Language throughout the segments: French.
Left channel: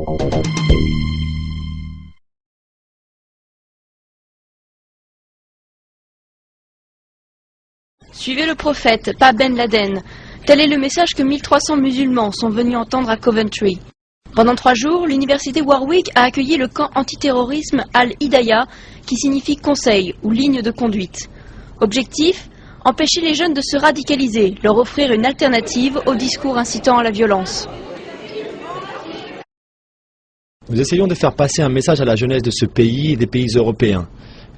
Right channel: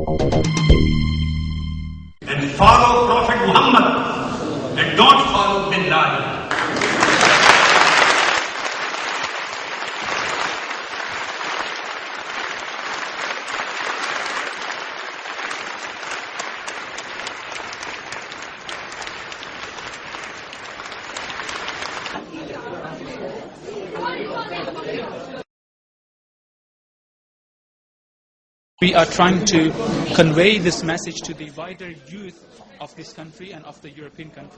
And follow Prophet Muhammad and don't follow Bin Laden. Suivez le prophète, pas Ben Laden. Tel est le message que 1300 musulmans sont venus entendre à Coventry. Pendant 3 jours, l'université Warwick a accueilli le camp antiterrorisme Al-Hidayah, qui signifie conseil ou ligne de conduite. Objectif : empêcher les jeunes de se radicaliser, leur offrir une alternative au discours incitant à la violence. Nous essayons de faire passer un message à la jeunesse de ce pays et des pays européens.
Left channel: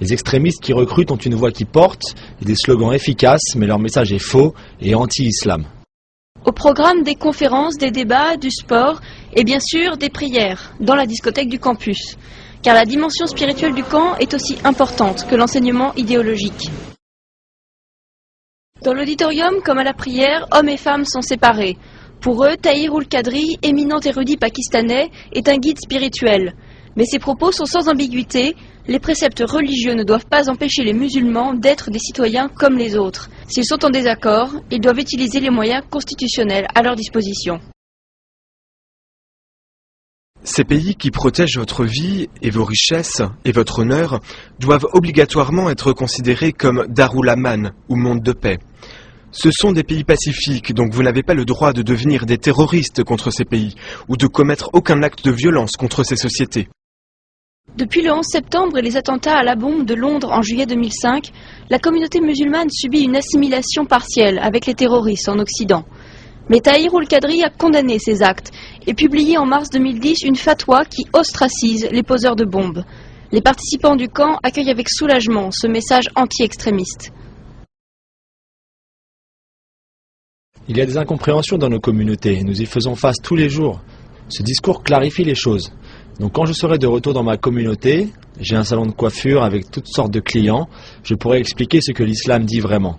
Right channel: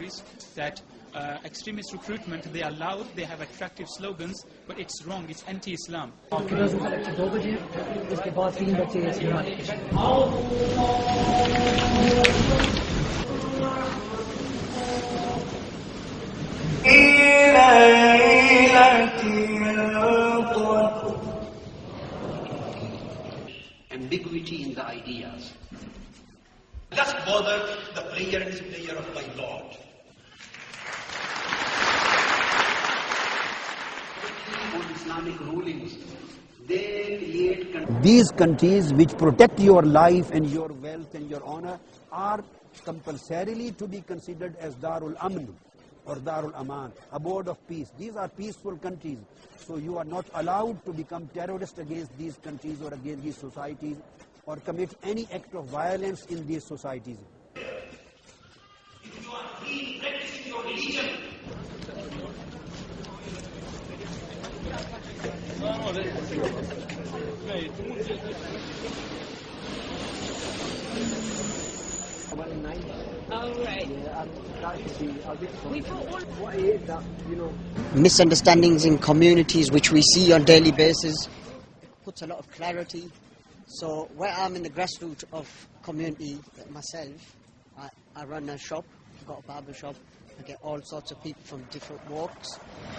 Les extrémistes qui recrutent ont une voix qui porte et des slogans efficaces, mais leur message est faux et anti-islam. Au programme des conférences, des débats, du sport et bien sûr des prières dans la discothèque du campus. Car la dimension spirituelle du camp est aussi importante que l'enseignement idéologique. Dans l'auditorium comme à la prière, hommes et femmes sont séparés. Pour eux, Tahir Ul-Qadri, éminent érudit pakistanais, est un guide spirituel. Mais ses propos sont sans ambiguïté. Les préceptes religieux ne doivent pas empêcher les musulmans d'être des citoyens comme les autres. S'ils sont en désaccord, ils doivent utiliser les moyens constitutionnels à leur disposition. Ces pays qui protègent votre vie et vos richesses et votre honneur doivent obligatoirement être considérés comme Darul Aman ou monde de paix. Ce sont des pays pacifiques, donc vous n'avez pas le droit de devenir des terroristes contre ces pays ou de commettre aucun acte de violence contre ces sociétés. Depuis le 11 septembre et les attentats à la bombe de Londres en juillet 2005, la communauté musulmane subit une assimilation partielle avec les terroristes en Occident. Mais Tahir Ul-Qadri a condamné ces actes et publié en mars 2010 une fatwa qui ostracise les poseurs de bombes. Les participants du camp accueillent avec soulagement ce message anti-extrémiste. Il y a des incompréhensions dans nos communautés, nous y faisons face tous les jours. Ce discours clarifie les choses. Donc quand je serai de retour dans ma communauté, j'ai un salon de coiffure avec toutes sortes de clients, je pourrai expliquer ce que l'islam dit vraiment.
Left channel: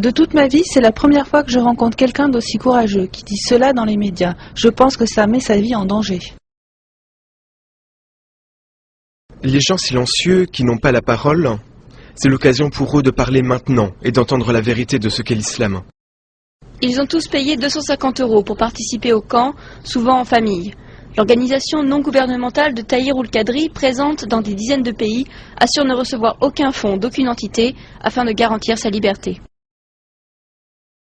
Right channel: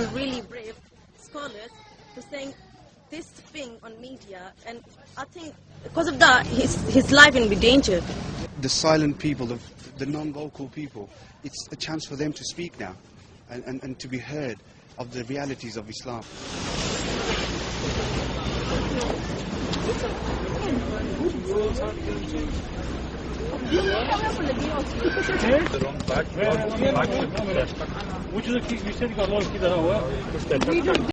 De toute ma vie, c'est la première fois que je rencontre quelqu'un d'aussi courageux, qui dit cela dans les médias. Je pense que ça met sa vie en danger. Les gens silencieux qui n'ont pas la parole, c'est l'occasion pour eux de parler maintenant et d'entendre la vérité de ce qu'est l'islam. Ils ont tous payé 250 € pour participer au camp, souvent en famille. L'organisation non gouvernementale de Tahir Ul-Qadri, présente dans des dizaines de pays, assure ne recevoir aucun fonds d'aucune entité afin de garantir sa liberté.